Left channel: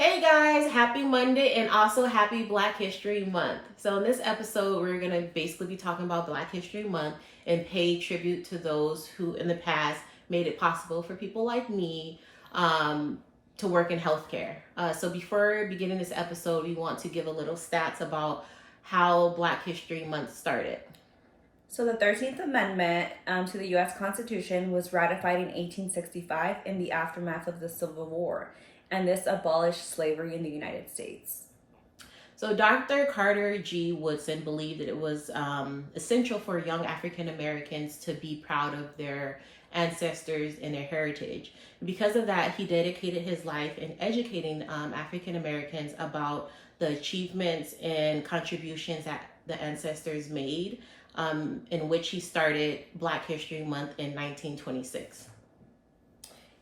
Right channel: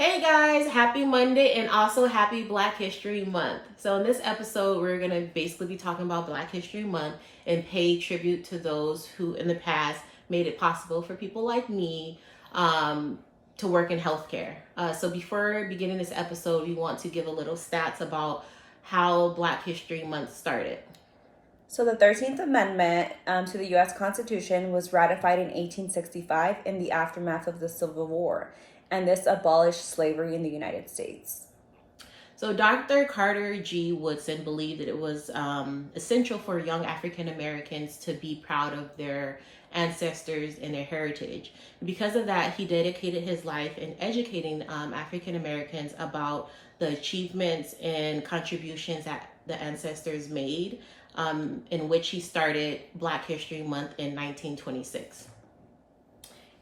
Hey guys, happy Monday and also happy Black History Month. So, in this episode, we're going to basically be talking about Black History Month and pay tribute to those who in the past made it possible for people like me to work in healthcare. So, before beginning this episode, we want to give a little stats about how Black History Month started. So the 13th Amendment to the U.S. Constitution was ratified in 1865 in the aftermath of the Civil War, and this abolished slavery in the United States. So, Dr. Carter G. Woodson believed that it was essential for young African Americans to be proud of their ancestors and their heritage. Because of that, he dedicated his life in educating African Americans about the achievements and contributions that the ancestors made, in which he started Black History Month in 1926.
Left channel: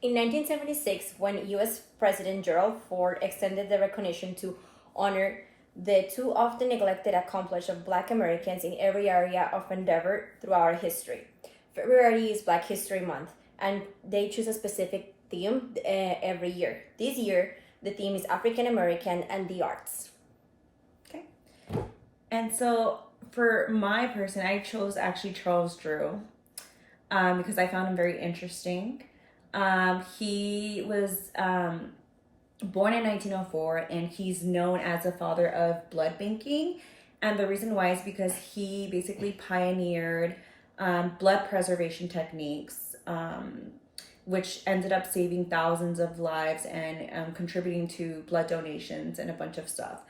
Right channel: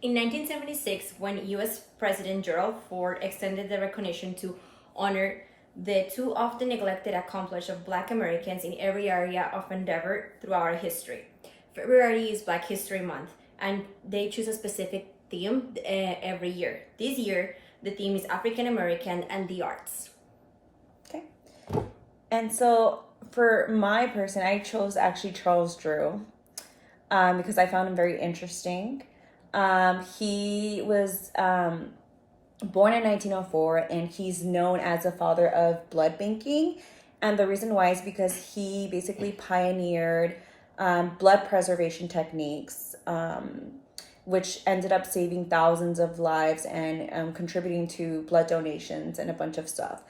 In 1976, when U.S. President Gerald Ford extended the recognition to honor the too often neglected accomplishments of Black Americans in every area of endeavor throughout our history. February is Black History Month, and they choose a specific theme every year. This year, the theme is African American and the arts. Okay. And so for my person, I chose actually Charles Drew because I found him very interesting. He was born in 1904, and he's known as the father of blood banking. And the reason why is because he basically pioneered blood preservation techniques, which ended up saving thousands of lives and contributing to blood donations and a bunch of stuff.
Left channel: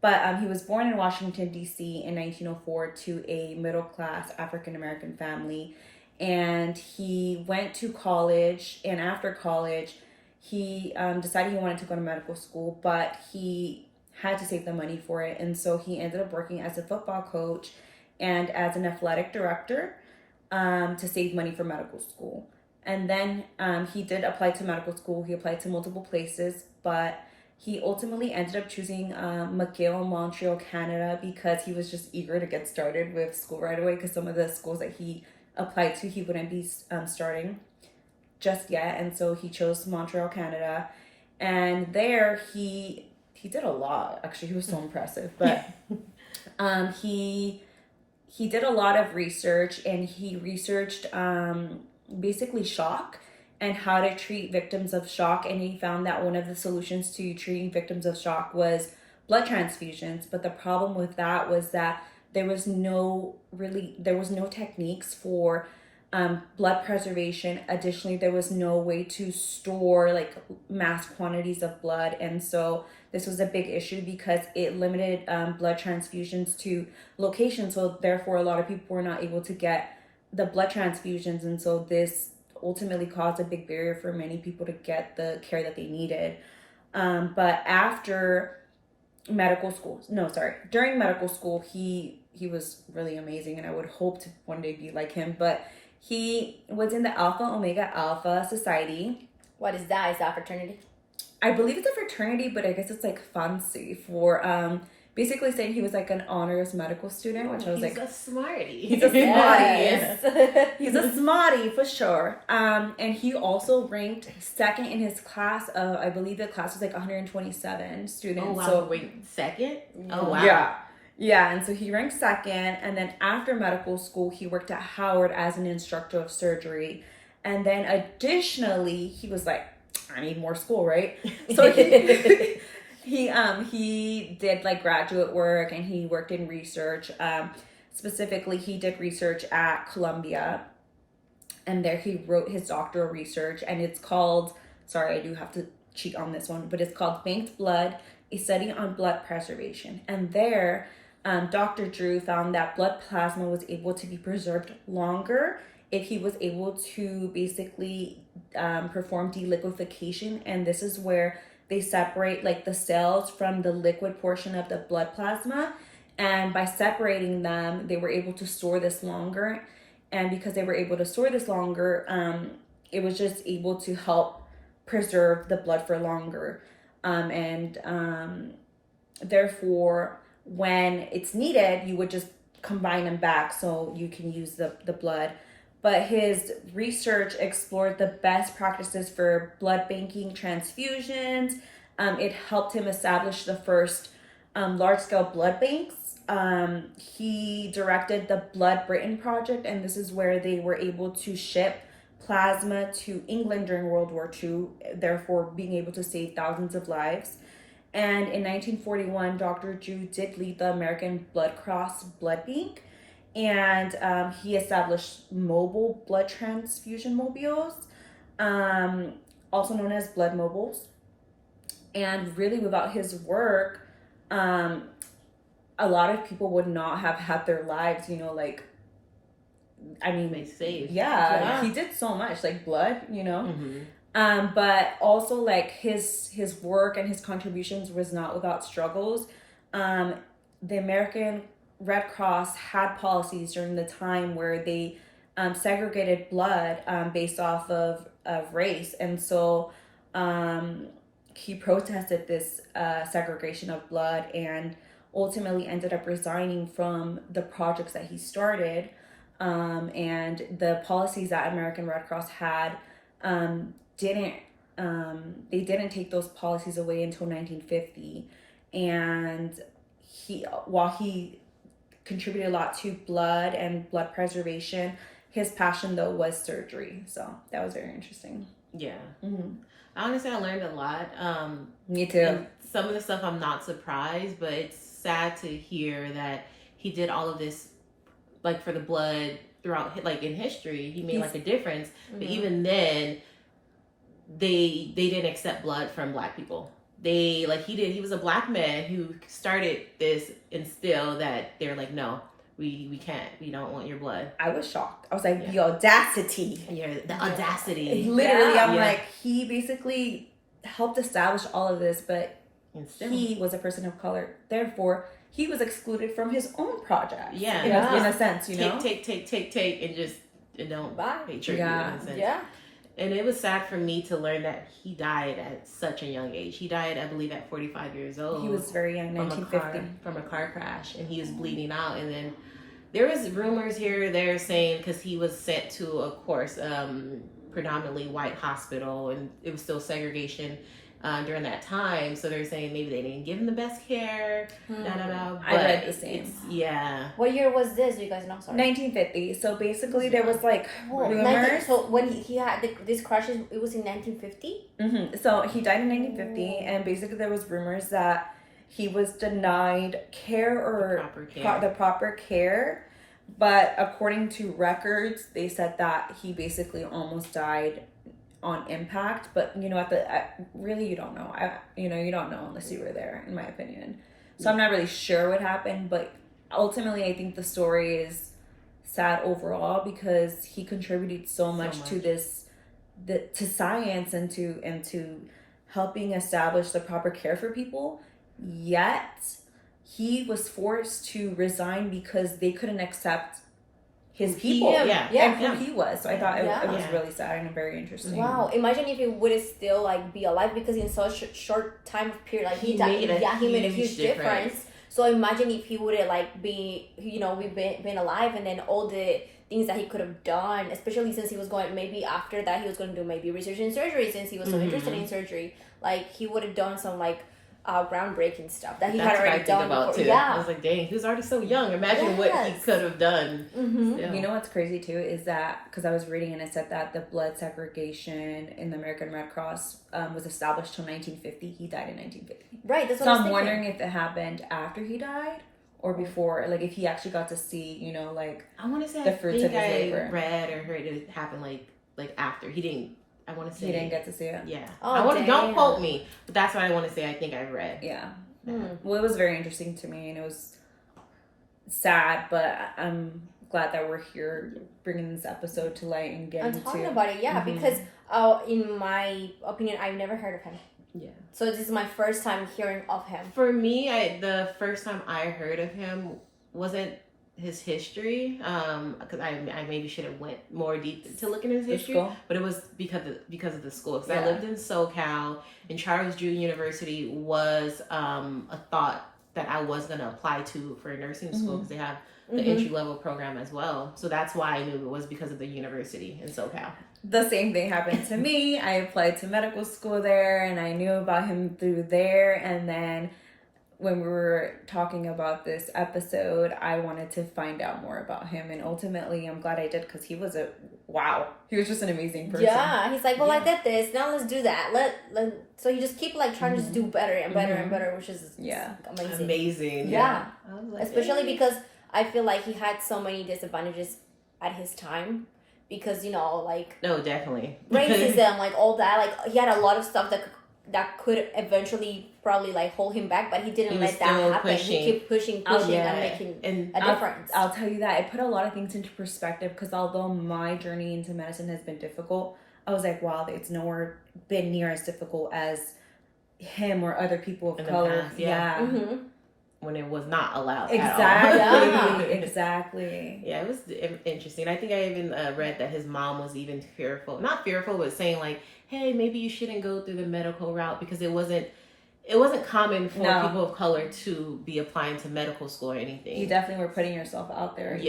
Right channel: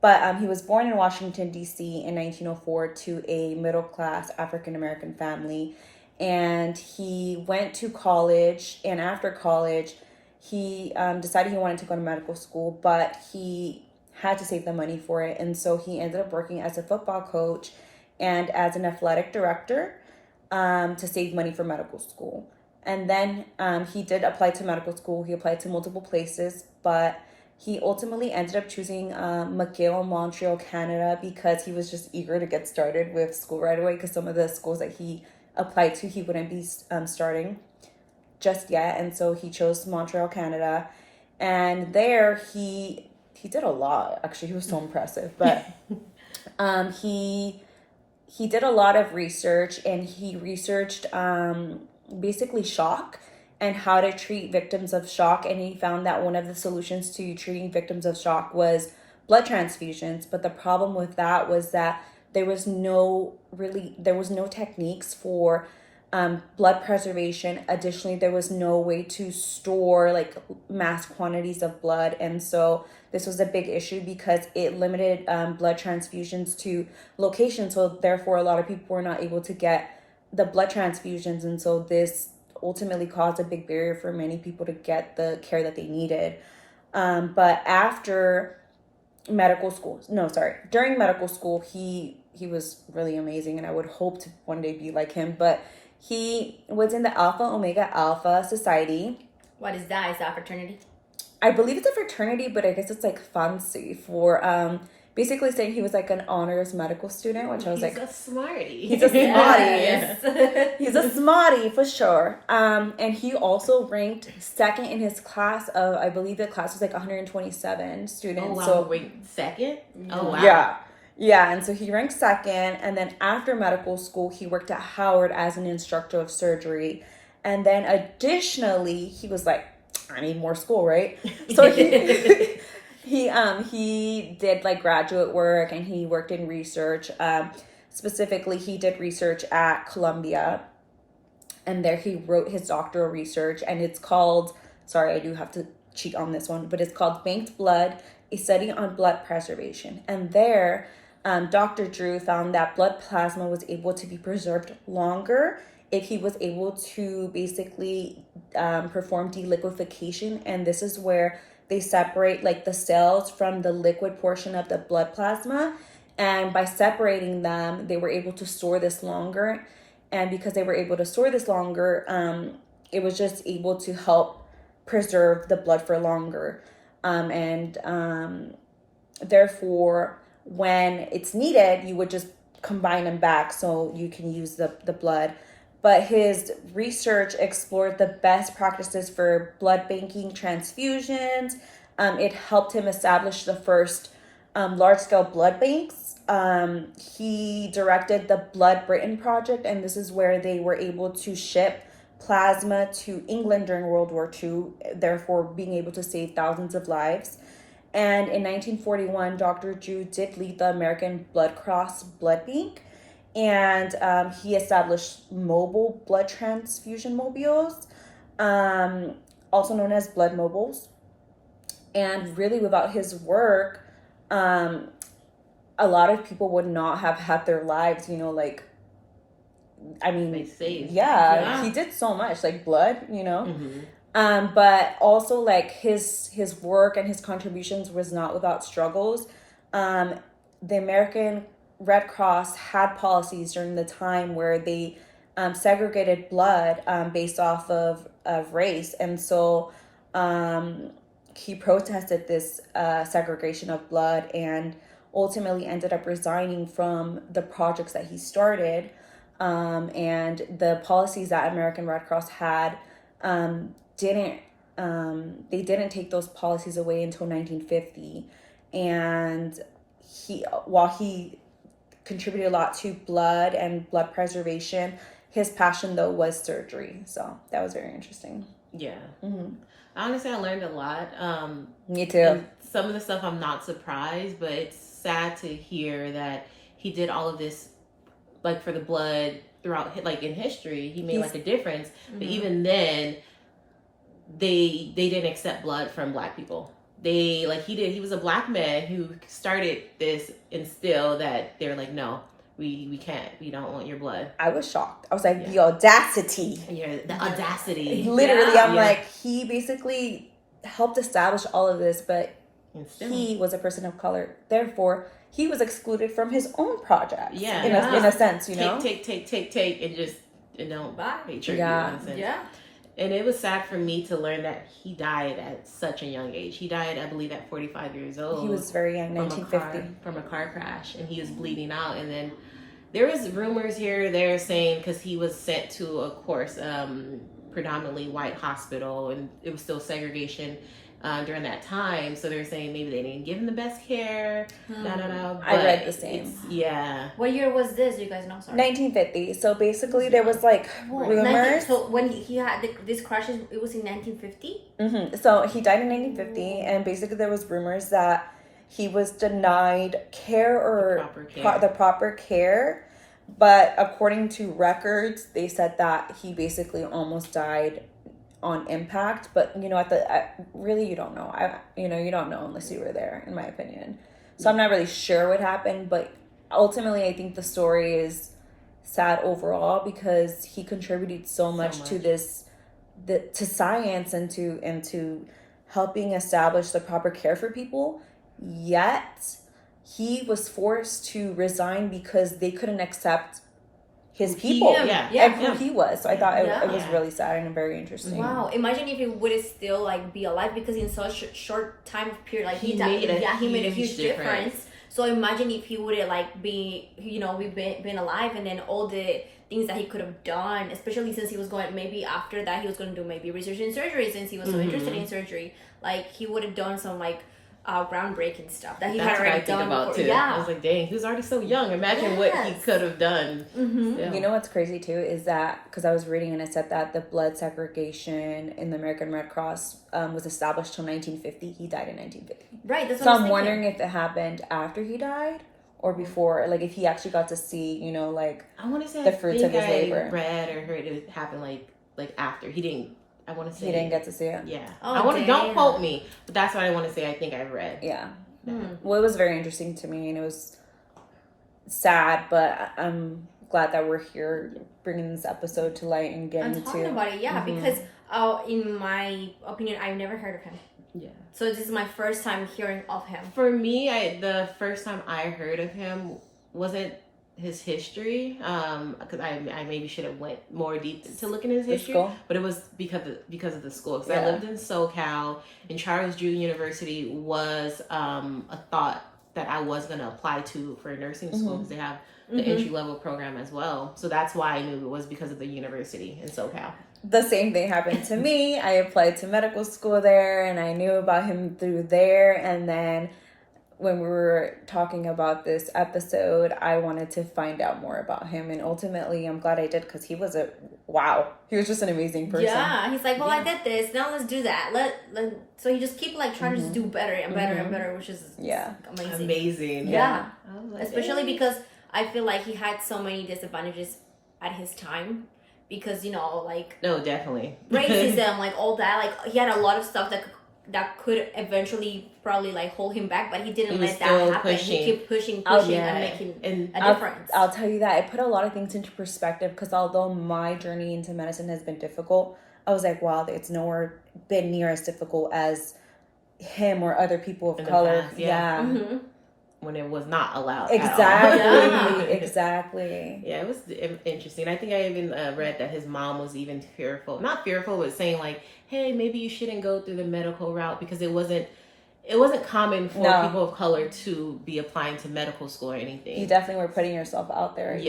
But he was born in Washington, D.C. in 1904 to a middle-class African-American family. And he went to college, and after college, he decided he wanted to go to medical school, but he had to save the money for it. And so he ended up working as a football coach and as an athletic director to save money for medical school. And then he did apply to medical school. He applied to multiple places, but he ultimately ended up choosing McGill in Montreal, Canada, because he was just eager to get started with school right away, because some of the schools that he applied to, he wouldn't be starting just yet. And so he chose Montreal, Canada. And there he did a lot. Actually, he was so impressive. But he did a lot of research, and he researched basically shock and how to treat victims of shock. And he found that one of the solutions to treating victims of shock was blood transfusions. But the problem with that was that there was no techniques for blood preservation. Additionally, there was no way to store like mass quantities of blood. And so this was a big issue because it limited blood transfusions to locations. So therefore, a lot of people were not able to get the blood transfusions. And so this ultimately caused a big barrier for many people to get the care that they needed. But after during medical school, he was really amazing, and I would hope to one day be like him. But he was in the Alpha Omega Alpha Society. What is that? Is that fraternity? I believe it's a fraternity, but I guess it's like fancy for basically saying he was like an honors medical student, which I was He's a smarty. He's a smarty. Yes. He's a smarty for sure. And he also ranked second in his class of, I believe the class was like 127 students. Oh wow, so ranked second? Oh wow. Yeah, and so he ranked second, and then after medical school, he worked at Howard as an instructor of surgery. And then additionally, he was like, I need more school, right? So he did like graduate work, and he worked in research. Specifically, he did research at Columbia, and there he wrote his doctoral research, and it's called, sorry, I do have to cheat on this one, but it's called Banked Blood, a study on blood preservation. And there, Dr. Drew found that blood plasma was able to be preserved longer if he was able to basically perform deliquification. And this is where they separate like the cells from the liquid portion of the blood plasma. And by separating them, they were able to store this longer. And because they were able to store this longer, it was just able to help preserve the blood for longer. Therefore, when it's needed, you would just combine them back so you can use the blood. But his research explored the best practices for blood banking, transfusions, It helped him establish the first large-scale blood banks. He directed the Blood Britain Project, and this is where they were able to ship plasma to England during World War II, therefore being able to save thousands of lives. And in 1941, Dr. Ju did lead the American Blood Cross Blood Bank, and he established mobile blood transfusion mobiles, also known as blood mobiles. And really, without his work, a lot of people would not have had their lives, like, I mean, They saved. yeah, he did so much, like blood, but also like his work and his contributions was not without struggles. The American Red Cross had policies during the time where they segregated blood based off of race, and so he protested this segregation of blood and ultimately ended up resigning from the projects that he started. And the policies that American Red Cross had didn't take those policies away until 1950. And while he contributed a lot to blood and blood preservation, his passion though was surgery. So that was very interesting. Yeah. Mm-hmm. Honestly, I learned a lot. Me too. And some of the stuff I'm not surprised, but it's sad to hear that he did all of this, like, for the blood throughout, like, in history. He made like a difference, but even then, they didn't accept blood from Black people. He was a Black man who started this, and still that they're like, no, we can't, we don't want your blood. I was shocked. I was like, the audacity. Yeah, the audacity. Literally, I'm like, he basically helped establish all of this, but he was a person of color. Therefore, he was excluded from his own project. Yeah. In a sense, Take, and don't picture you in a sense. Yeah. And it was sad for me to learn that he died at such a young age. He died, I believe, at 45 years old. He was very young, 1950. From a car crash, and he was bleeding out. And then there was rumors here or there saying, because he was sent to, of course, predominantly white hospital, and it was still segregation during that time. So they're saying maybe they didn't give him the best care. But I read the same. What year was this? Do you guys know? Sorry. 1950. So basically, there was like rumors. So when he had these crashes, it was in 1950. Mm-hmm. So he died in 1950, and basically there was rumors that he was denied care or the proper care. But according to records, they said that he basically almost died on impact. But really you don't know. You don't know unless you were there, in my opinion. So I'm not really sure what happened, but ultimately I think the story is sad overall because he contributed so much to to science and to helping establish the proper care for people. Yet he was forced to resign because they couldn't accept his people and who he was. So I thought it was really sad and very interesting. Wow! Imagine if he would still be alive, because in such a short time of period, he made a huge difference. So imagine if he would been alive, and then all the things that he could have done, especially since he was going, maybe after that he was going to do maybe research in surgery, since he was so interested in surgery. He would have done some groundbreaking stuff that he had already done about before. too. I was like, dang, he was already so young. Imagine what he could have done. You know what's crazy too is that, because I was reading and it said that the blood segregation in the American Red Cross was established till 1950. He died in 1950. Right. That's what so I'm wondering if it happened after he died or before. Like if he actually got to see, I want to say the fruits of his labor. I read or heard it happened like after he didn't. I want to say he didn't get to see it. Yeah. Don't quote me, but that's what I want to say. I think I read. Yeah. Well, it was very interesting to me, and it was sad, but I'm glad that we're here bringing this episode to light and getting talking about it. Yeah, because in my opinion, I've never heard of him. Yeah. So this is my first time hearing of him. For me, the first time I heard of him wasn't his history, because I maybe should have went more deep to look into his history, but it was because of the school. Because I lived in SoCal, and Charles Drew University was a thought that I was going to apply to for a nursing school, because they have the entry level program as well. So that's why I knew it was because of the university in SoCal. the same thing happened to me. I applied to medical school there, and I knew about him through there. And then when we were talking about this episode, I wanted to find out more about him. And ultimately, I'm glad I did, because he was he was just an amazing person. Yeah, he's like, well, I did this. Now let's do that. So you just keep like trying to just do better and better and better, which is amazing. Yeah, I was like, especially because I feel like he had so many disadvantages at his time. Because, like... No, definitely. Racism, like, all that. Like, he had a lot of stuff that could eventually probably, like, hold him back. But he didn't let that happen. He kept pushing and making a difference. I'll tell you that. It put a lot of things into perspective. Because although my journey into medicine has been difficult, I was like, wow, it's nowhere been near as difficult as him or other people of color. Past, yeah. Mm-hmm. When it was not allowed. Exactly. Yeah, it was interesting. I think I even read that his mom was even not fearful, but saying like, "Hey, maybe you shouldn't go through the medical route," because it wasn't common for people of color to be applying to medical school or anything. You definitely were putting yourself out there.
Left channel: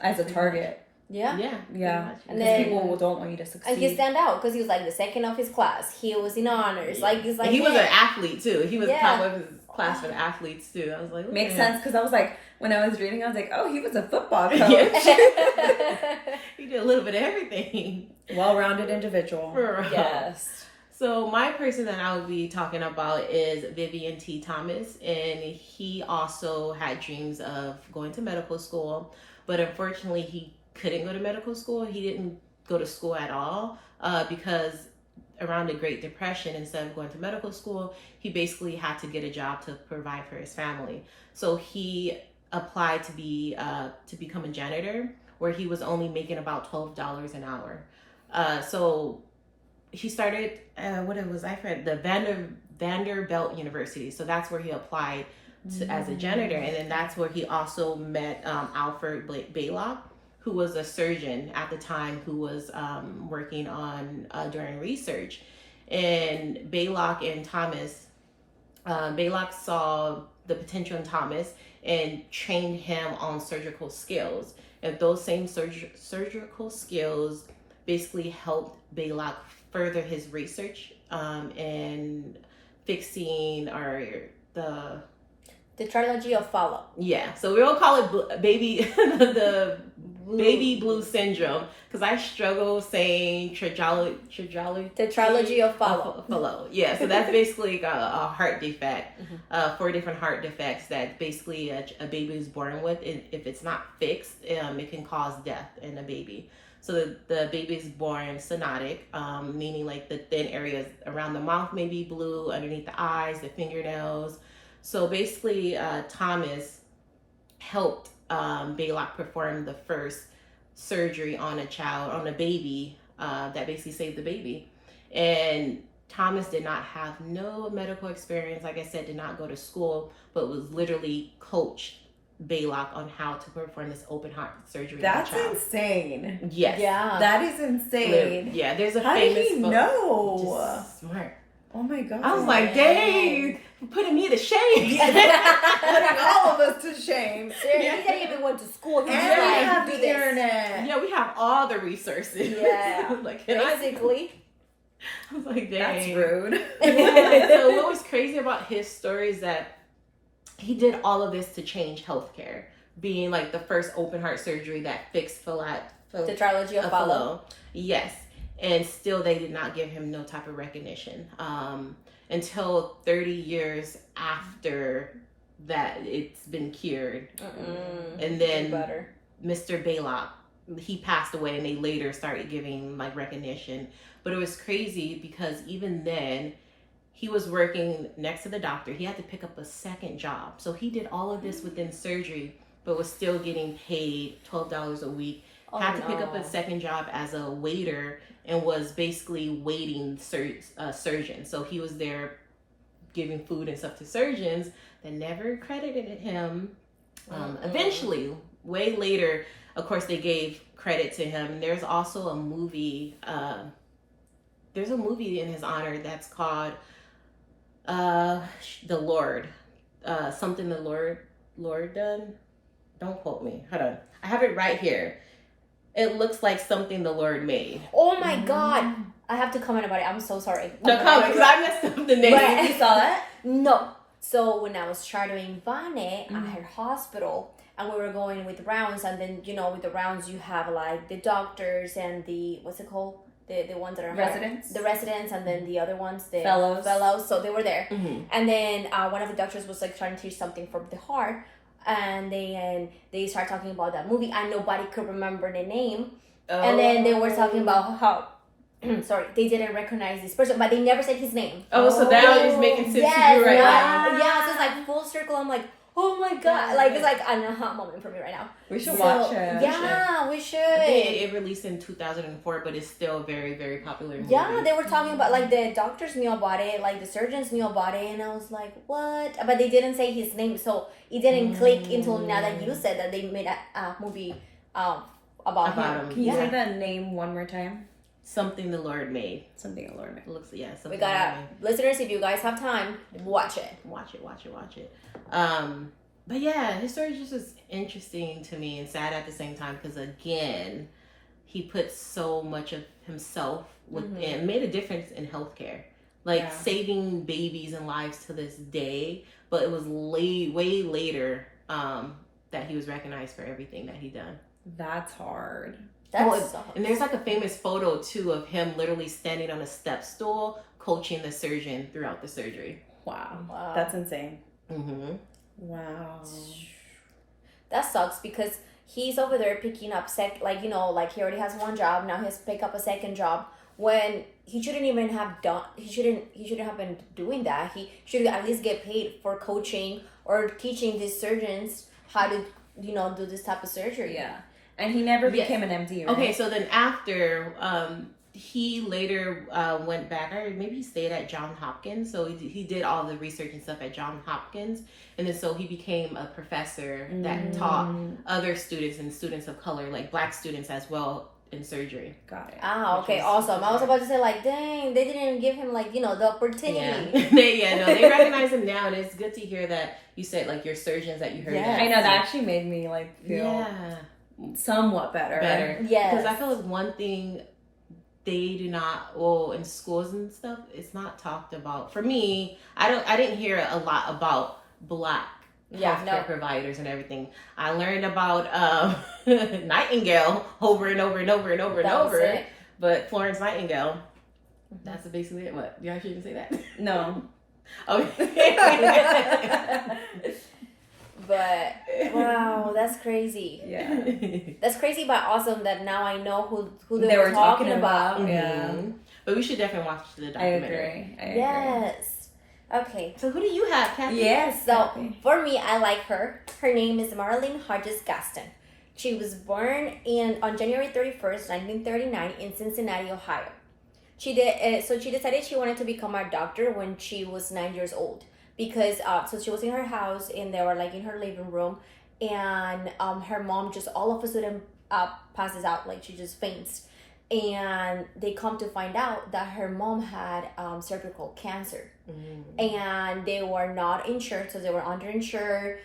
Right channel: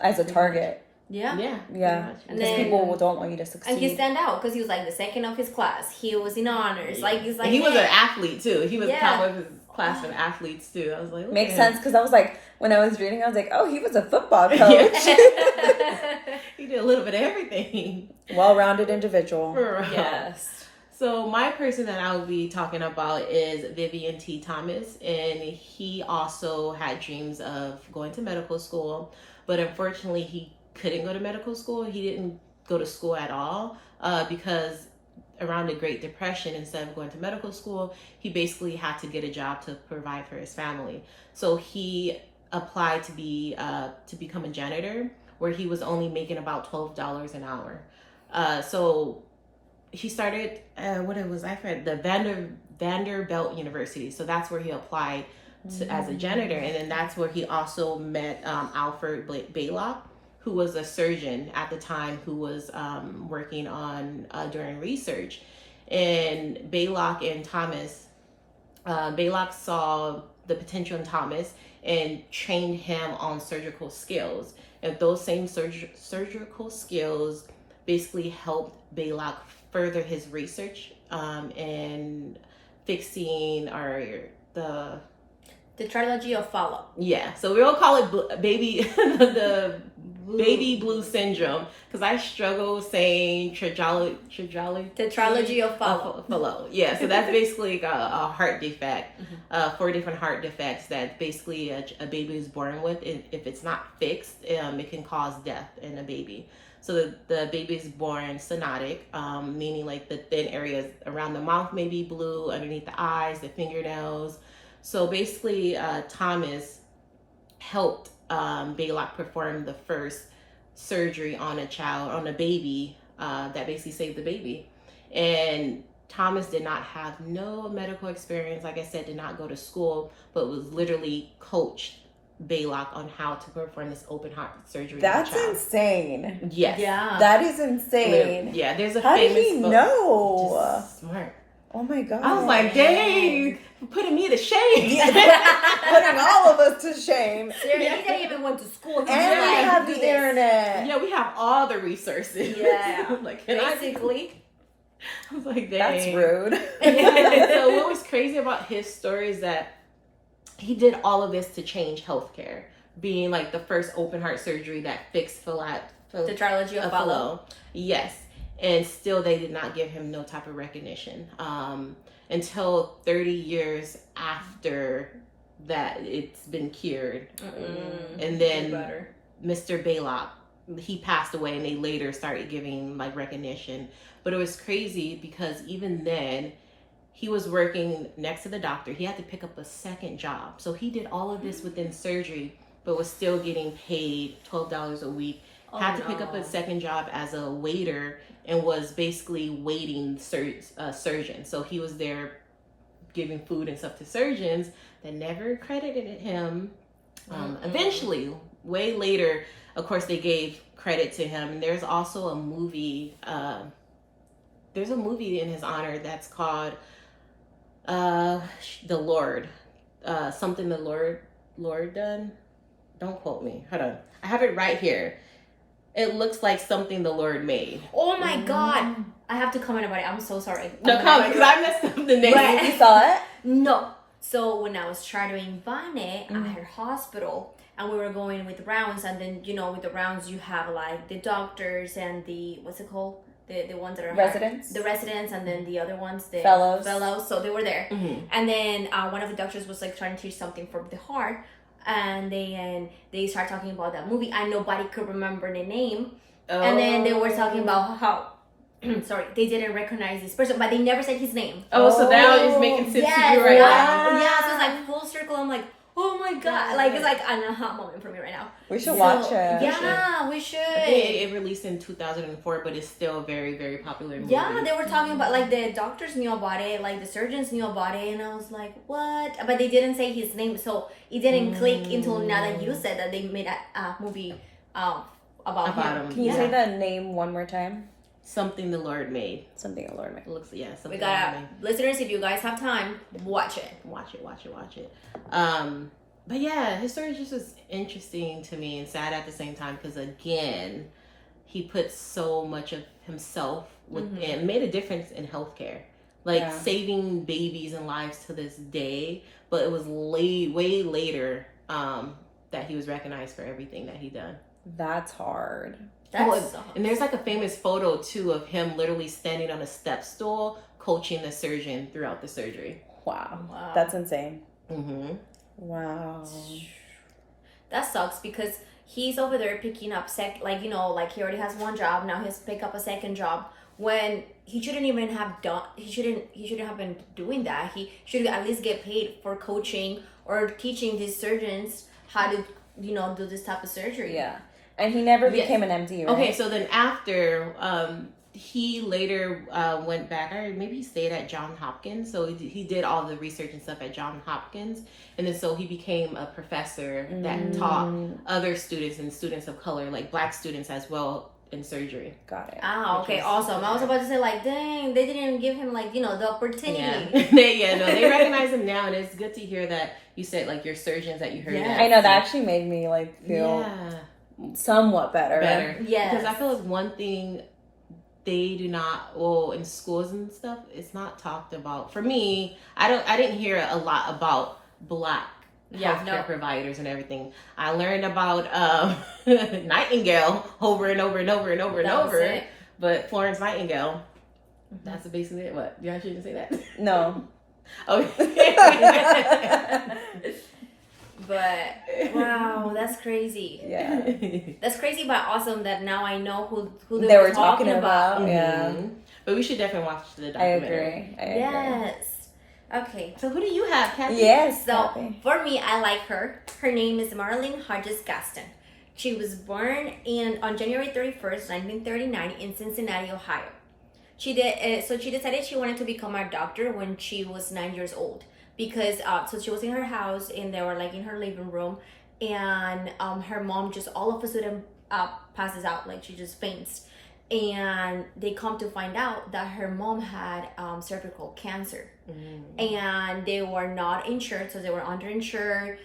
As a target. Yeah. And then people don't want you to succeed. And he stand out because he was like the second of his class. He was in honors. Like he's like. And he was an athlete too. He was top of his class for the athletes too. I was like, makes sense, because I was like, when I was reading, I was like, oh, he was a football coach. He did a little bit of everything. Well-rounded individual. Yes. So my person that I will be talking about is Vivian T. Thomas, and he also had dreams of going to medical school, but unfortunately he couldn't go to medical school. He didn't go to school at all because around the Great Depression, instead of going to medical school, he basically had to get a job to provide for his family. So he applied to become a janitor, where he was only making about $12 an hour. So he started the Vanderbilt University. So that's where he applied as a janitor, and then that's where he also met Alfred Baylock, who was a surgeon at the time, who was working on during research. And Baylock and Thomas, Baylock saw the potential in Thomas and trained him on surgical skills. And those same surgical skills basically helped Baylock further his research in fixing the trilogy of follow. Yeah, so we all call it the baby blue syndrome, because I struggle saying the trilogy of follow. Yeah, so that's basically a heart defect, 4 different heart defects that basically a baby is born with. If it's not fixed, it can cause death in a baby. So the baby is born cyanotic, meaning like the thin areas around the mouth may be blue, underneath the eyes, the fingernails. So basically, Thomas helped Baylock perform the first surgery on a baby that basically saved the baby. And Thomas did not have no medical experience, like I said, did not go to school, but was literally coached Baylock on how to perform this open heart surgery. That's insane. Yes. Yeah. That is insane. Literally. Yeah, there's a how famous did he know? Just smart. Oh my God. I was like, dang, putting me to shame. Putting all of us to shame. Seriously, he didn't even went to school. And we have the internet. Yeah, we have all the resources. Yeah. Like, basically. I was like, dang. That's rude. Yeah. So what was crazy about his story is that he did all of this to change healthcare, being like the first open heart surgery that fixed the trilogy of follow. Yes. And still they did not give him no type of recognition until 30 years after that it's been cured. And then Mr. Baylock, he passed away, and they later started giving like recognition. But it was crazy because even then he was working next to the doctor. He had to pick up a second job. So he did all of this within surgery, but was still getting paid $12 a week. Had to pick up a second job as a waiter, and was basically waiting surgeons. So he was there giving food and stuff to surgeons that never credited him. Eventually, way later, of course, they gave credit to him. There's also a movie. There's a movie in his honor that's called The Lord. Something the Lord done. Don't quote me. Hold on. I have it right here. it looks like something the Lord made. Oh my God. I have to comment about it. I'm so sorry. No comment, because I messed up the name. Right. You saw it? No. So when I was shadowing Vane at her hospital, and we were going with rounds, and then with the rounds you have like the doctors and the what's it called, the ones that are Residents? the residents, and then the other ones, the Fellows. So they were there, Mm-hmm. and then one of the doctors was like trying to teach something for the heart, and then they started talking about that movie, and nobody could remember the name, and then they were talking about how. Sorry, they didn't recognize this person, but they never said his name. Oh, so now it's making sense to you right now. Yeah, so it's like full circle. I'm like, oh my God. Like, it's like an aha moment for me right now. We should watch it. Yeah, we should. I think it released in 2004, but it's still a very, very popular movie. Yeah, they were talking about, like, the doctors knew about it, like, the surgeons knew about it, and I was like, what? But they didn't say his name, so it didn't click until now that you said that they made a movie about him. Can you say that name one more time? Something the Lord made. Something the Lord made. It looks, yeah, something We the Lord gotta, made. listeners, if you guys have time, watch it. Watch it. But yeah, his story just is interesting to me and sad at the same time, because again, he put so much of himself and made a difference in healthcare, like saving babies and lives to this day. But it was way later that he was recognized for everything that he done. That's hard. And there's like a famous photo too of him literally standing on a step stool coaching the surgeon throughout the surgery. Wow. That's insane. Mm-hmm. Wow. That sucks, because he's over there picking up like he already has one job, now he has to pick up a second job when he shouldn't even have done. He shouldn't have been doing that. He should at least get paid for coaching or teaching these surgeons how to do this type of surgery. Yeah. And he never became an MD, right? Okay, so then after, he later went back, or maybe he stayed at Johns Hopkins. So he did all the research and stuff at Johns Hopkins. And then so he became a professor that taught other students and students of color, like Black students as well, in surgery. Got it. Ah, okay, awesome. I was about to say, like, dang, they didn't even give him, like, the opportunity. They recognize him now. And it's good to hear that you said, like, your surgeons that you heard that. I know, that actually made me, like, feel somewhat better. Yes. Because I feel like one thing they do not, in schools and stuff, it's not talked about. For me, I didn't hear a lot about Black healthcare providers and everything. I learned about Nightingale over and over and over and over and over. But Florence Nightingale, that's basically it. What? You actually didn't say that? No. Okay. But wow, that's crazy. Yeah. That's crazy, but awesome that now I know who they were talking about. Mm-hmm. Yeah. But we should definitely watch the documentary. I agree. Yes. Okay. So who do you have, Kathy? Yes. So for me, I like her. Her name is Marilyn Hodges Gaston. She was born on January 31st, 1939 in Cincinnati, Ohio. She decided she wanted to become a doctor when she was 9 years old. Because so she was in her house and they were like in her living room, and her mom just all of a sudden passes out, like she just faints, and they come to find out that her mom had cervical cancer, and they were not insured, so they were underinsured.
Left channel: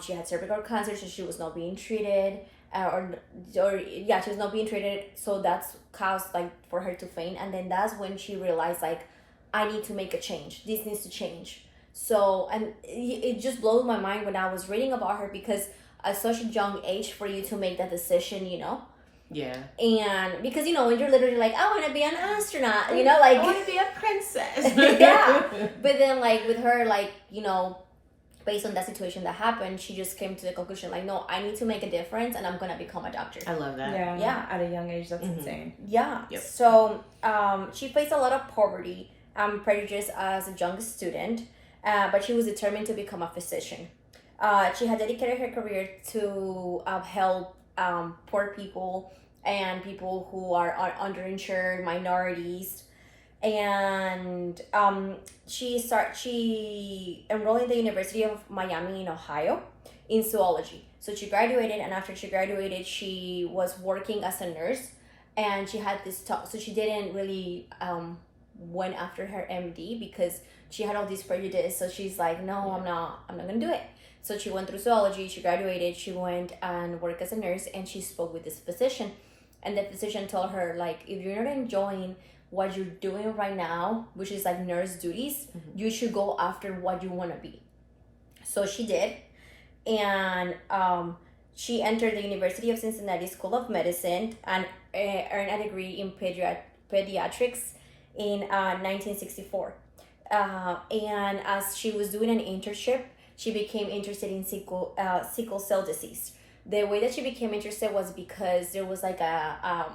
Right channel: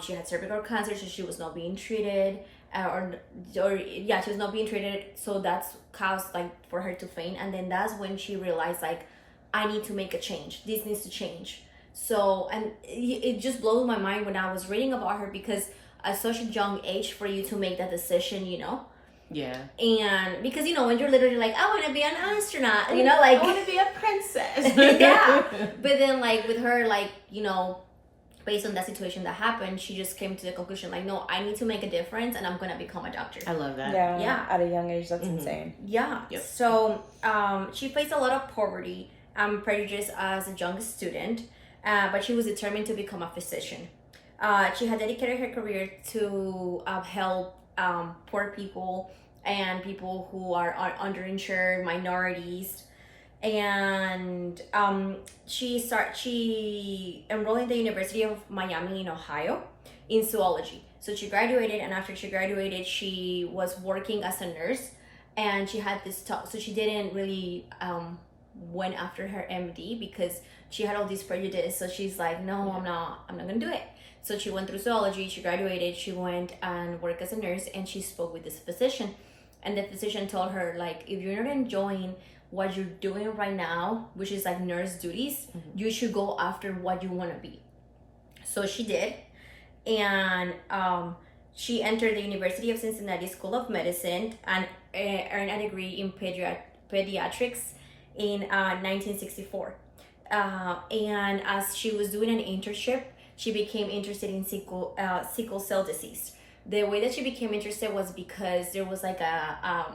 She had cervical cancer, so she was not being treated, she was not being treated, so that's caused like for her to faint, and then that's when she realized, like, I need to make a change. This needs to change. So, and it just blows my mind when I was reading about her, because at such a young age for you to make that decision, Yeah. And because, when you're literally like, I want to be an astronaut, like. I want to be a princess. Yeah. But then, like, with her, like, based on that situation that happened, she just came to the conclusion, like, no, I need to make a difference and I'm going to become a doctor. I love that. Yeah. At a young age, that's insane. Yeah. Yep. So, she faced a lot of poverty and prejudice as a young student. But she was determined to become a physician. She had dedicated her career to help poor people and people who are underinsured, minorities. And she enrolled in the University of Miami in Ohio in zoology. So she graduated, and after she graduated, she was working as a nurse. And she had this talk, so she didn't really went after her MD because she had all these prejudice. So she's like, no, I'm not gonna do it. So she went through zoology, she graduated, she went and worked as a nurse, and she spoke with this physician. and the physician told her, like, if you're not enjoying what you're doing right now, which is like nurse duties, you should go after what you want to be. So she did, and she entered the University of Cincinnati School of Medicine and earned a degree in pediatrics in 1964. And as she was doing an internship, she became interested in sickle cell disease. The way that she became interested was because there was like a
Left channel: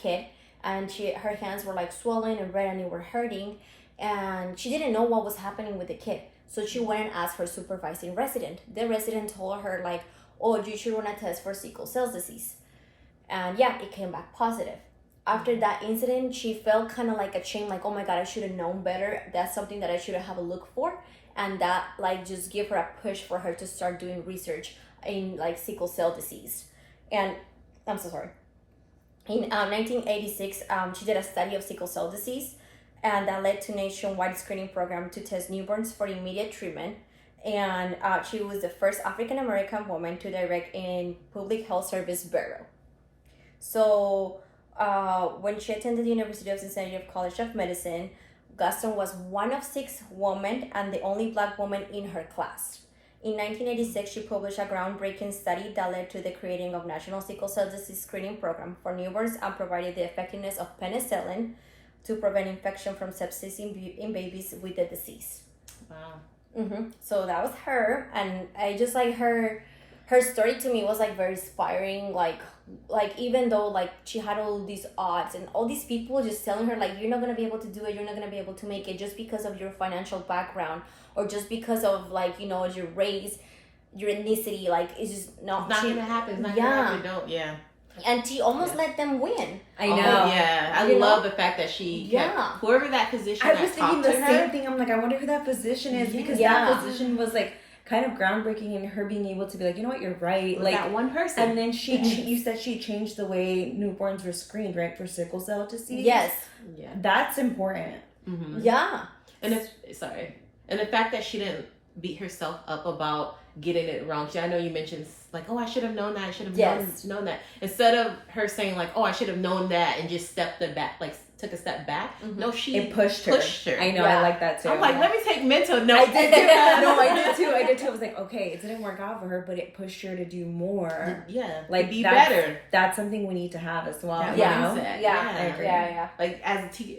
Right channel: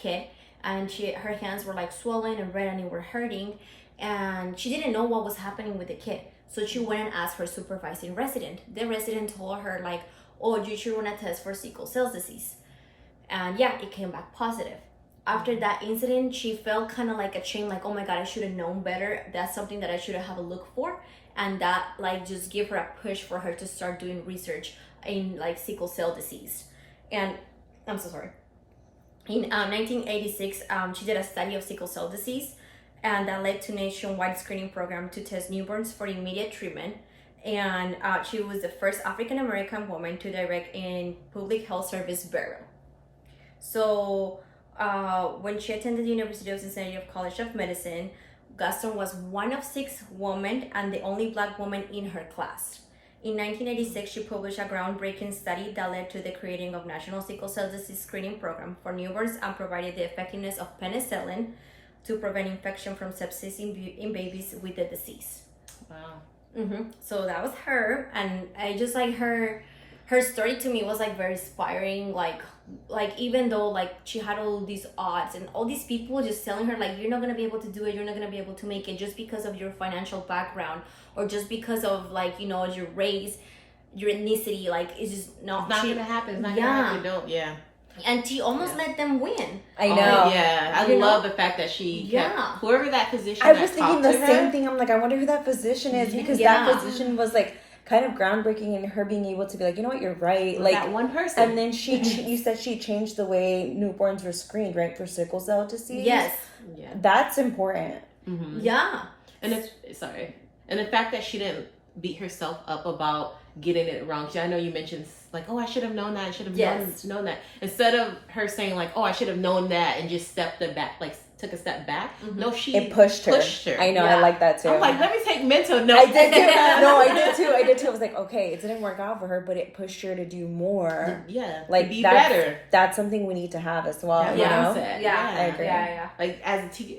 kid, and her hands were like swollen and red and they were hurting, and she didn't know what was happening with the kid. So she went and asked her supervising resident. The resident told her, like, oh, you should run a test for sickle cell disease. And yeah, it came back positive. After that incident, she felt kind of like a shame, like, oh my God, I should have known better. That's something that I should have a look for. And that like just gave her a push for her to start doing research in like sickle cell disease. And I'm so sorry. In 1986, she did a study of sickle cell disease, and that led to nationwide screening program to test newborns for immediate treatment. And she was the first African American woman to direct in Public Health Service Bureau. So when she attended the University of Cincinnati College of Medicine, Gaston was one of 6 women and the only Black woman in her class. In 1986, she published a groundbreaking study that led to the creating of National Sickle Cell Disease Screening Program for newborns and provided the effectiveness of penicillin to prevent infection from sepsis in babies with the disease. Wow. So that was her, and I just like her story to me was like very inspiring. Like even though like she had all these odds and all these people just telling her like, you're not gonna be able to do it, you're not gonna be able to make it just because of your financial background or just because of like, you know, your race, your ethnicity, like it's just not gonna happen. It's not gonna happen. Don't. Yeah. And she almost let them win. I know. Oh, yeah. I love the fact that she kept whoever that physician I was thinking the her, same thing. I'm like, I wonder who that physician is, because that physician was like kind of groundbreaking in her being able to be like, you know what, you're right. Like that one person. And then you said she changed the way newborns were screened, right, for sickle cell disease? Yes. Yeah. That's important. Yeah. And and the fact that she didn't beat herself up about getting it wrong. I know you mentioned like, oh, I should have known that. I should have known that. Instead of her saying like, oh, I should have known that and just stepped it back, like took a step back. No, it pushed her. I know. I like that too. I'm like, let me take mental notes. I did too. I was like, okay, it didn't work out for her, but it pushed her to do more. Yeah. Like to be better. That's something we need to have as well. Yeah. Like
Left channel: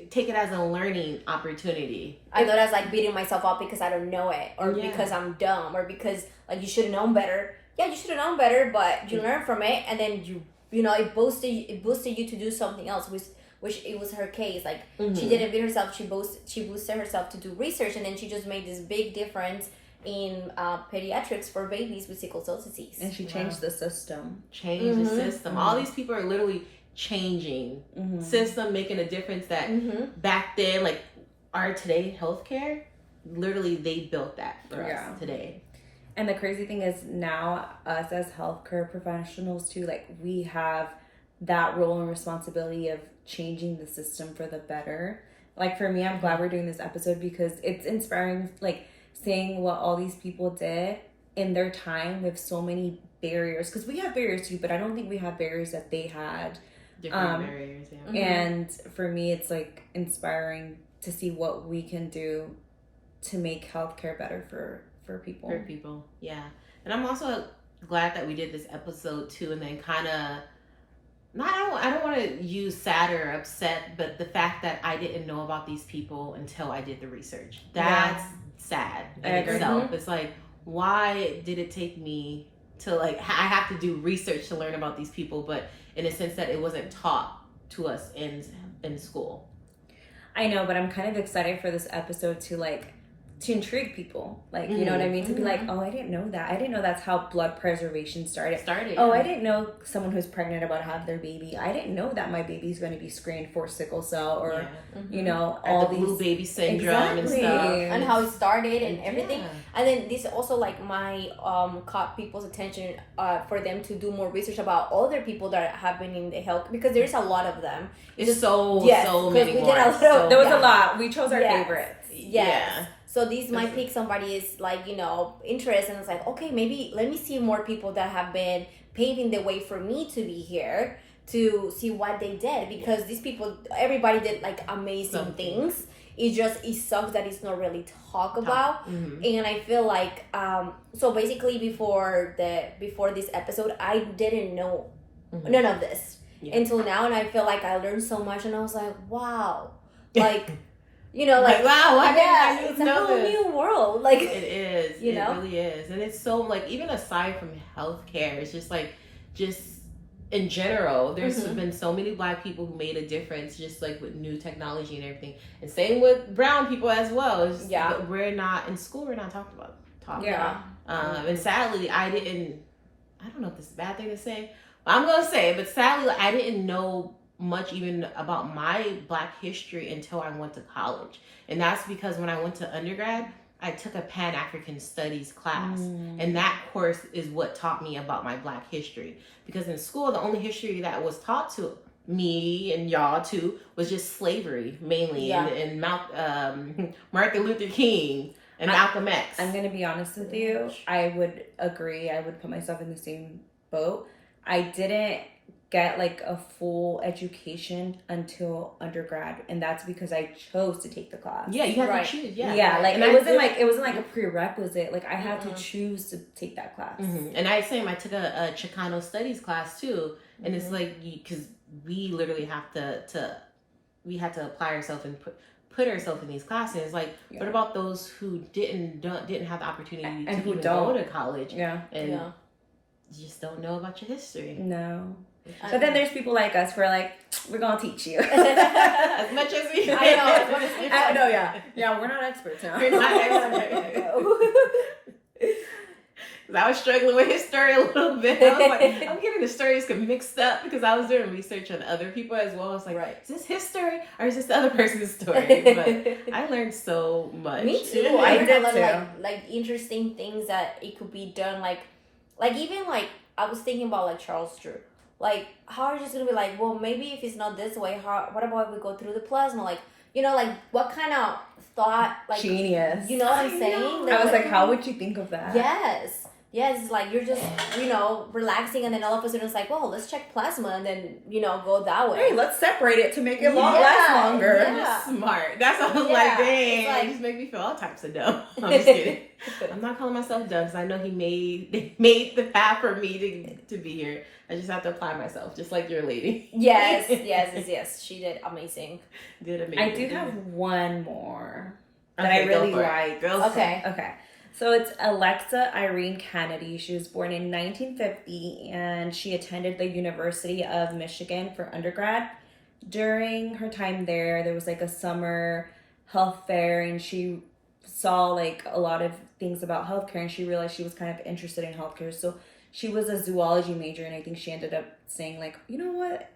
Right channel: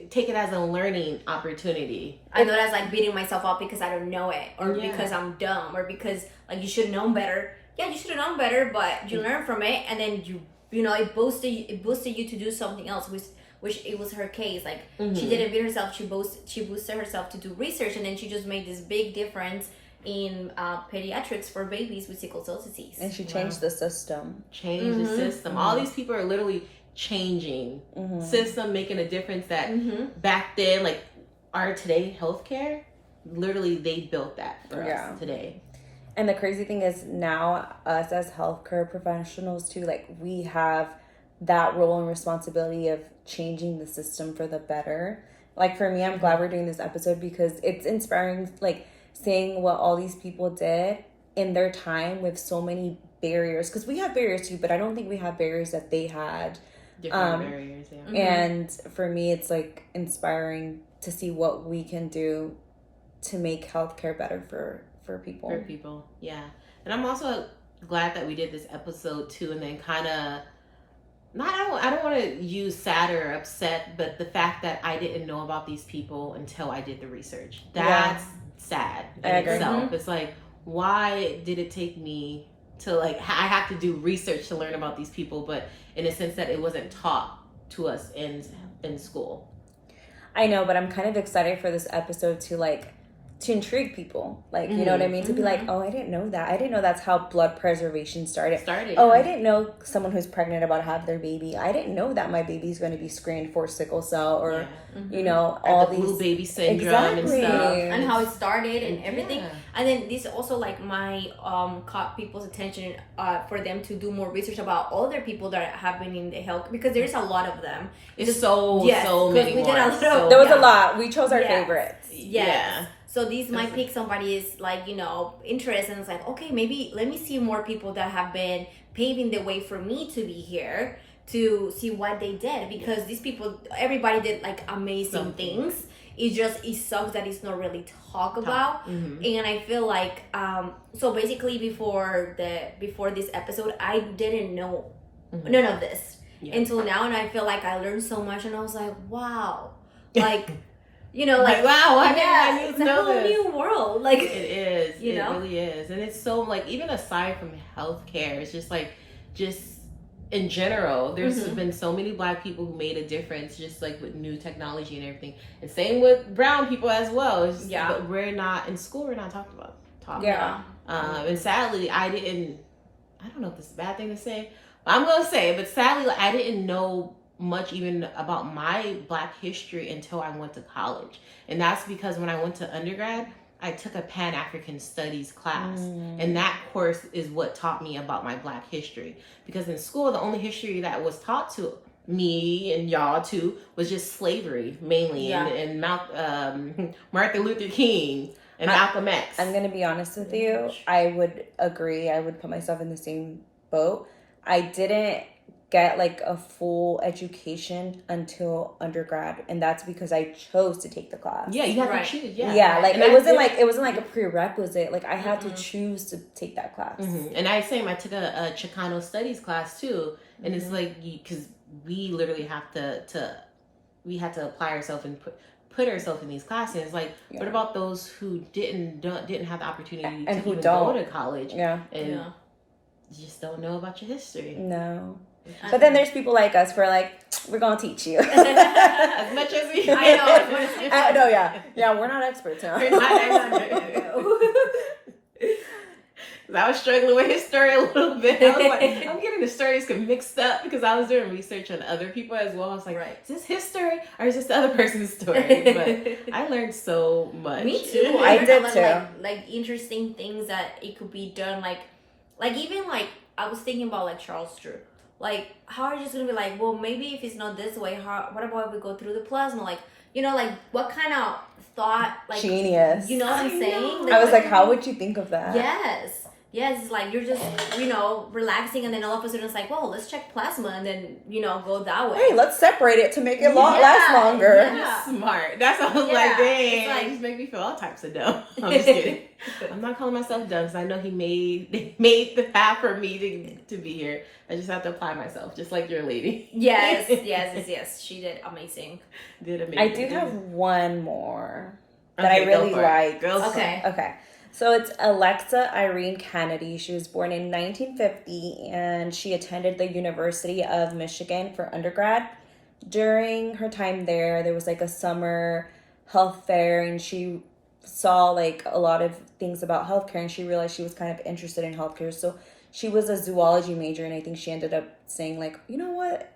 take it as a learning opportunity. I know that's like beating myself up because I don't know it, or because I'm dumb, or because like you should have known better. Yeah, you should have known better, but you learn from it, and then you know it boosted you to do something else, which it was her case. Like she didn't beat herself, she boosted herself to do research, and then she just made this big difference in pediatrics for babies with sickle cell disease. And she changed the system. The system. All these people are literally changing system, making a difference that back then, like our today healthcare, literally they built that for us today. And the crazy thing is now us as healthcare professionals too, like we have that role and responsibility of changing the system for the better. Like for me, I'm glad we're doing this episode because it's inspiring, like seeing what all these people did in their time with so many barriers. Because we have barriers too, but I don't think we have barriers that they had. Different barriers, yeah. And for me, it's like inspiring to see what we can do to make healthcare better for people. For people, yeah. And I'm also glad that we did this episode too, and then kind of I don't want to use sad or upset, but the fact that I didn't know about these people until I did the research. That's sad in itself. It's like, why did it take me to like I have to do research to learn about these people, but in a sense that it wasn't taught to us in school. I know, but I'm kind of excited for this episode to intrigue people, like, you know what I mean? To be like, oh, I didn't know that. I didn't know that's how blood preservation started. Oh, I didn't know someone who's pregnant about to have their baby. I didn't know that my baby's going to be screened for sickle cell or, you know, all the blue baby syndrome and stuff. And how it started and everything. And then this also, like, my caught people's attention for them to do more research about other people that have been in the health, because there's a lot of them. It's so many more. There was a lot. We chose our favorites. Yeah. So these might pique somebody's, like, you know, interest, and it's like, okay, maybe let me see more people that have been paving the way for me to be here, to see what they did, because these people, everybody did like amazing things. It sucks that it's not really talked about. Mm-hmm. And I feel like so basically before this episode, I didn't know none of this until now, and I feel like I learned so much, and I was like, wow, like like wow, why didn't I it's a whole new world. Like it is, it really is, and it's so like even aside from healthcare, it's just in general, there's been so many Black people who made a difference, just like with new technology and everything, and same with brown people as well. But we're not in school. We're not talked about. And sadly, I don't know if this is a bad thing to say, but I'm gonna say it. But sadly, like, I didn't know much even about my Black history until I went to college, and that's because when I went to undergrad, I took a Pan-African Studies class, and that course is what taught me about my Black history. Because in school, the only history that was taught to me and y'all too was just slavery mainly, and Martin Luther King and Malcolm X. I'm gonna be honest with you. I would agree. I would put myself in the same boat. I didn't get like a full education until undergrad, and that's because I chose to take the class. Yeah, you have to choose. Like and it wasn't like a prerequisite. Like I had to choose to take that class. And same. I took a Chicano studies class too, and it's like because we literally have we had to apply ourselves and put ourselves in these classes. It's like, what about those who didn't have the opportunity to even go to college? And you just don't know about your history. No. But then there's people like us who are like, we're gonna teach you as much as we. I know. Yeah. We're not experts. Huh? We're not experts. I was struggling with his story a little bit. I was like, I'm getting the stories mixed up because I was doing research on other people as well. I was like, is this his story or is this the other person's story? But I learned so much. Me too. I did too. Like interesting things that it could be done. Like even like I was thinking about like Charles Drew. Like, how are you just gonna be like, well, maybe if it's not this way, what about if we go through the plasma? Like, like what kind of thought, like genius. You know what I'm saying? Like, I was like, how would you think of that? Yes, it's like you're just, relaxing, and then all of a sudden it's like, well, let's check plasma, and then, go that way. Hey, let's separate it to make it last longer. Yeah. Just smart. That's what I was like, dang, it just make me feel all types of dumb. I'm just kidding. I'm not calling myself dumb because I know they made the path for me to be here. I just have to apply myself, just like your lady. Yes. She did amazing. I do have one more that I really like. Okay. So it's Alexa Irene Kennedy. She was born in 1950, and she attended the University of Michigan for undergrad. During her time there was like a summer health fair, and she saw like a lot of things about healthcare, and she realized she was kind of interested in healthcare. So she was a zoology major, and I think she ended up saying like, you know what,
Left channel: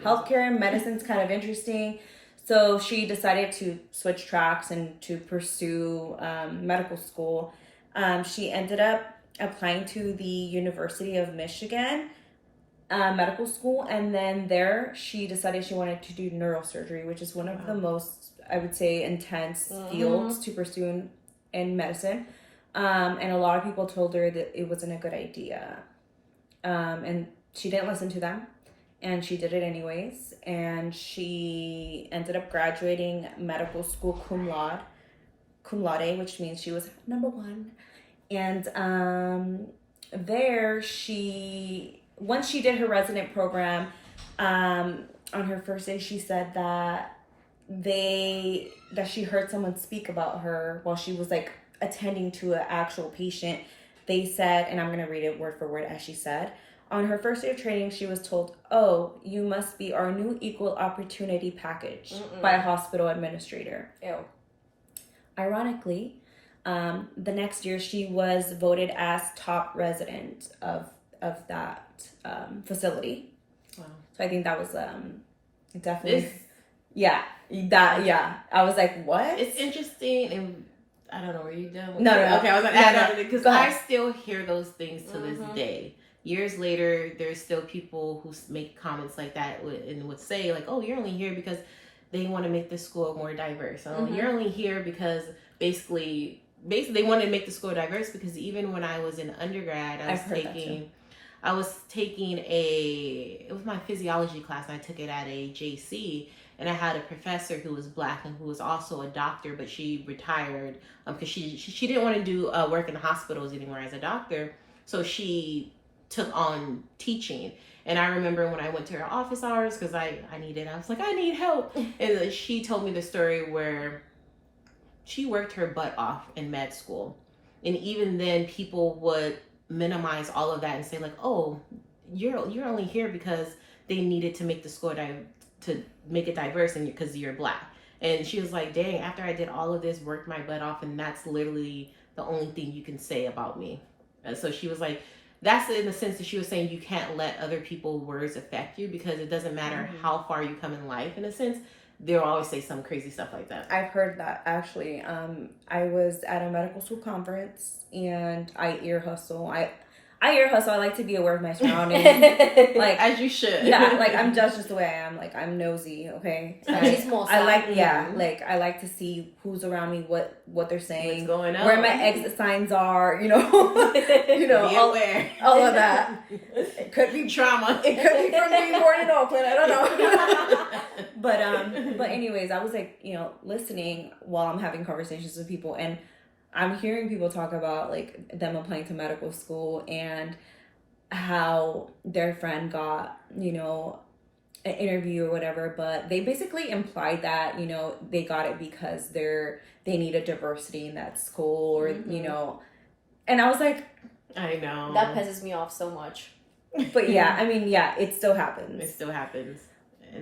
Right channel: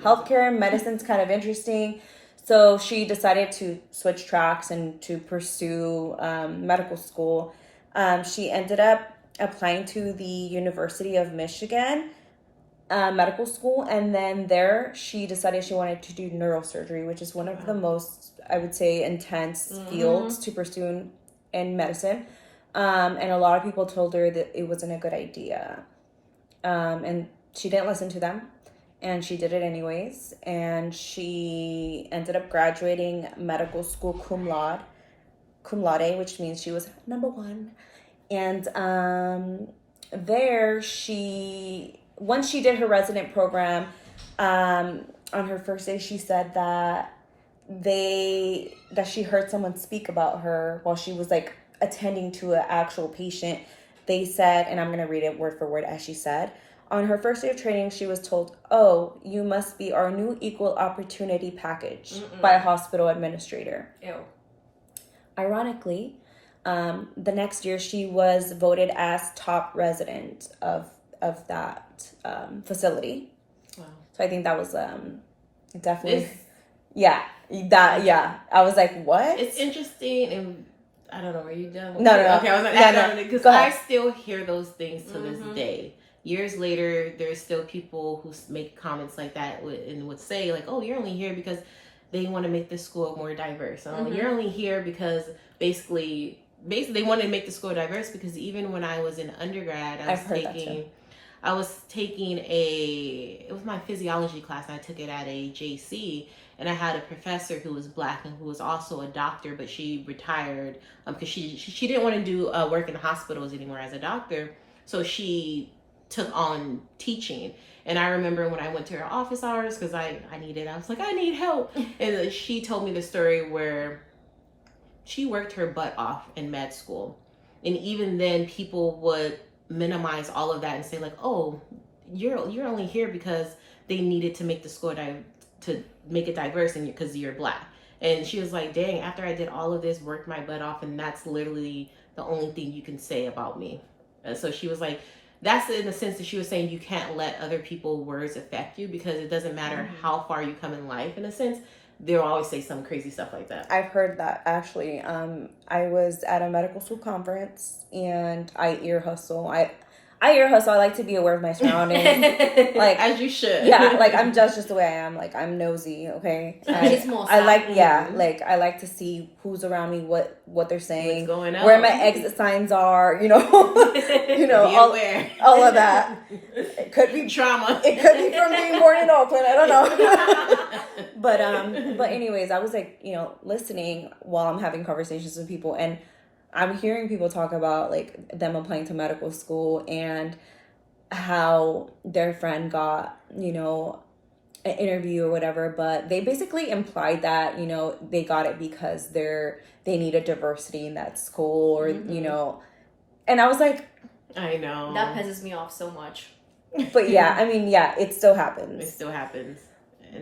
healthcare and medicine's kind of interesting. So she decided to switch tracks and to pursue medical school. She ended up applying to the University of Michigan medical school, and then there she decided she wanted to do neurosurgery, which is one of the most, I would say, intense fields to pursue in medicine. And a lot of people told her that it wasn't a good idea. And she didn't listen to them. And she did it anyways. And she ended up graduating medical school cum laude, which means she was number one. And once she did her resident program, on her first day, she said that she heard someone speak about her while she was like attending to an actual patient. They said, and I'm going to read it word for word as she said, on her first day of training, she was told, "Oh, you must be our new equal opportunity package," by a hospital administrator. Ew. Ironically, the next year she was voted as top resident of that facility. Wow. So I think that was definitely I was like, what? It's interesting, and I don't know. Were you done? No. Okay, I was like, because I still hear those things to this day. Years later, there's still people who make comments like that and would say like, "Oh, you're only here because they want to make the school more diverse. You're only here because basically they wanted to make the school diverse because even when I was in undergrad, I was taking I was taking it was my physiology class, and I took it at a JC, and I had a professor who was Black and who was also a doctor, but she retired because she didn't want to do work in hospitals anymore as a doctor, so she took on teaching. And I remember when I went to her office hours, because I was like, I need help. And she told me the story where she worked her butt off in med school. And even then, people would minimize all of that and say like, oh, you're only here because they needed to make the school to make it diverse, and because you're Black. And she was like, dang, after I did all of this, worked my butt off, and that's literally the only thing you can say about me. And so she was like, that's in the sense that she was saying you can't let other people's words affect you, because it doesn't matter how far you come in life, in a sense, they'll always say some crazy stuff like that. I've heard that, actually. I was at a medical school conference, and I ear hustle. I like to be aware of my surroundings. Like, as you should. Yeah, like, I'm just the way I am. Like, I'm nosy, okay? I like to see who's around me, what they're saying, what's going on, where my exit signs are, be aware. all of that. It could be trauma. It could be from being born in Oakland. I don't know. But anyways, I was like, listening while I'm having conversations with people, and I'm hearing people talk about like them applying to medical school and how their friend got, an interview or whatever, but they basically implied that, they got it because they needed diversity in that school, or, and I was like, I know. That pisses me off so much. But yeah, I mean, yeah, it still happens. It still happens.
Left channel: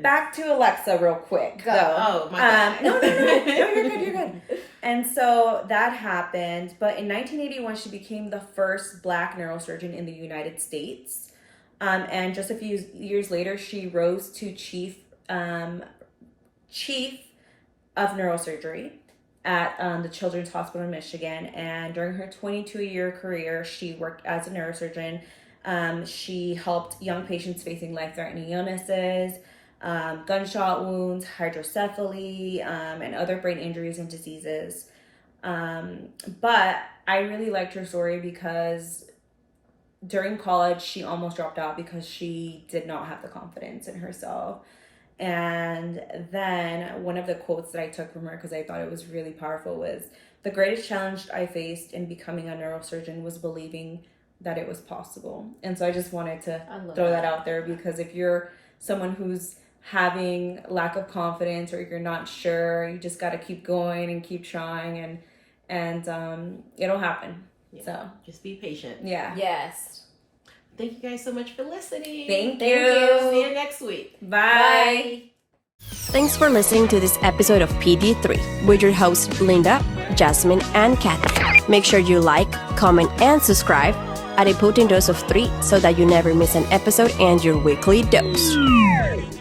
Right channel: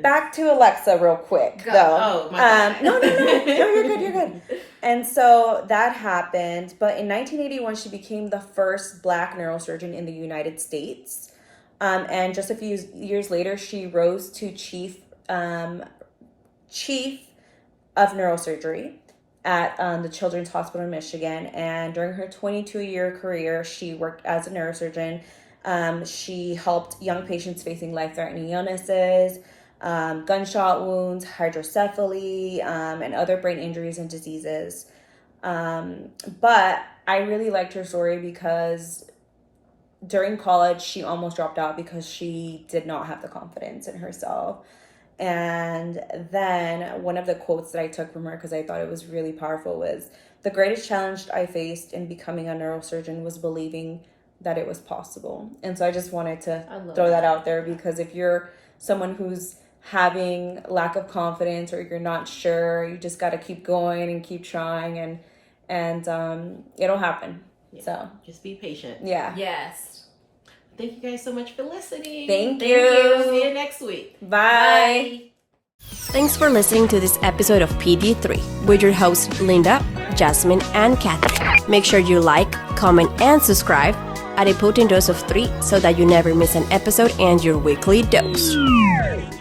Back to Alexa real quick. Go. Oh, my bad. No, you're good. And so that happened. But in 1981, she became the first Black neurosurgeon in the United States. And just a few years later, she rose to chief of neurosurgery at the Children's Hospital in Michigan. And during her 22-year career, she worked as a neurosurgeon. She helped young patients facing life-threatening illnesses, gunshot wounds, hydrocephaly, and other brain injuries and diseases. But I really liked her story because during college, she almost dropped out because she did not have the confidence in herself. And then one of the quotes that I took from her, because I thought it was really powerful, was, "The greatest challenge I faced in becoming a neurosurgeon was believing that it was possible." And so I just wanted to throw that out there, because if you're someone who's having lack of confidence, or you're not sure, you just got to keep going and keep trying, and it'll happen. Yeah. So just be patient. Yeah. Yes. Thank you guys so much for listening. Thank you. See you next week. Bye. Thanks for listening to this episode of PD3 with your hosts Linda, Jasmine, and Kathy. Make sure you like, comment, and subscribe at a potent dose of 3 so that you never miss an episode and your weekly dose.